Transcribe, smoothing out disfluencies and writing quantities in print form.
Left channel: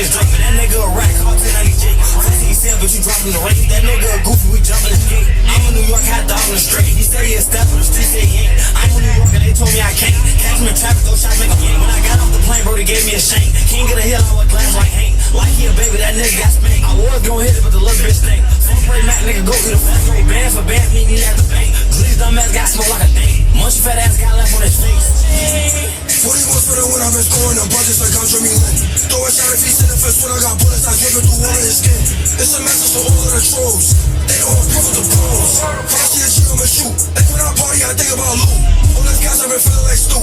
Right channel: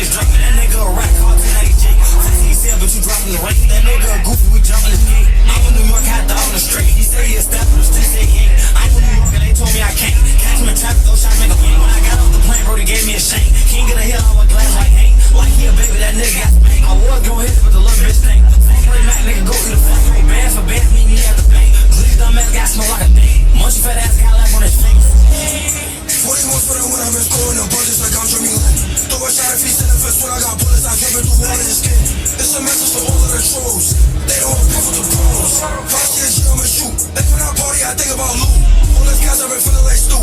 this drink. That nigga a rack, hard to 90 J. He said, but you dropping the rate. That nigga a goofy, we jumping the gate. I'm in New York, had the on the street. He said he a step, but still say he ain't. I'm in New York, and they told me I can't. Catch me in traffic, go shot, make a penny. When I got off the plane, bro, they gave me a shame. King of the hill, I was glass like Hank. Like he a baby, that nigga got spanked. I was gonna hit it, but the little bitch stink. Full play Mac, nigga, go to the factory. Band for band, meet me at the bank. Please dumb ass got smoke like a date. Munch fat ass got left on his face. 41 for the win, I've been scoring the bunches like I'm Jimmy Lynn. Throw a shot if he's in the first when I got bullets, I drip it through all of his skin. It's a message for all of the trolls. They don't pay for the pros. Frosty and G on the shoot. Like when I party, I think about loot. All these guys have been feeling like Stu.